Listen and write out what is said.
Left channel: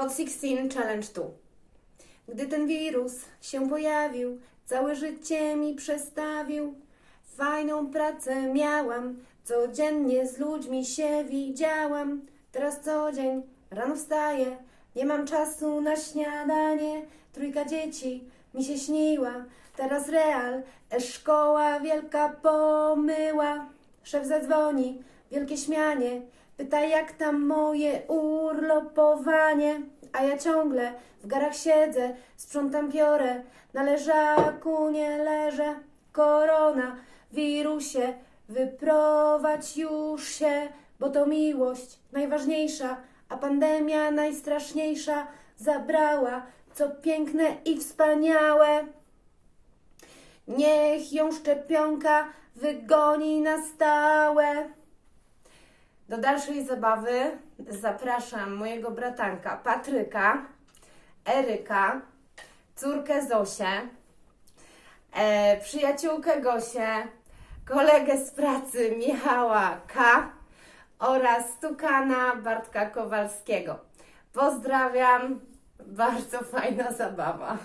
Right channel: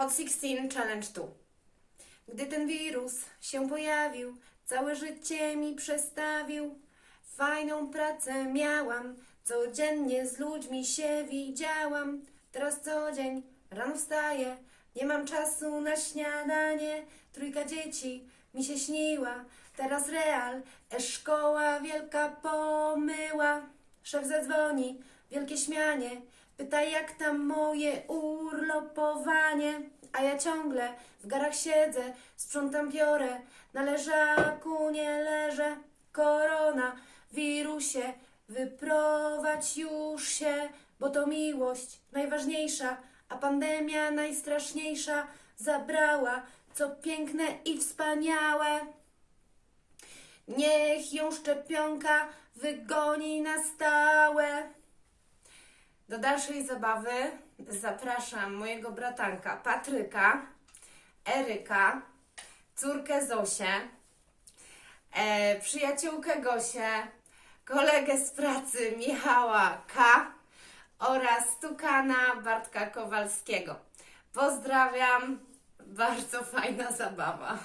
Hot 16 Challenge 2. Gdy ten wirus się pojawił, całe życie mi przestawił. Fajną pracę miałam, codziennie z ludźmi się widziałam. Teraz co dzień rano wstaję, nie mam czasu na śniadanie. Trójka dzieci mi się śniła, teraz real, e-szkoła wielka pomyła. Szef zadzwoni, wielkie śmianie, pyta jak tam moje urlopowanie. A ja ciągle w garach siedzę, sprzątam piorę, na leżaku nie leżę. Korona, wirusie, wyprowadź już się, bo to miłość najważniejsza, a pandemia najstraszniejsza zabrała, co piękne i wspaniałe. Niech ją szczepionka wygoni na stałe. Do dalszej zabawy zapraszam mojego bratanka Patryka, Eryka, córkę Zosię, e, przyjaciółkę Gosię, kolegę z pracy Michała K. oraz Tukana Bartka Kowalskiego. Pozdrawiam, bardzo fajna zabawa.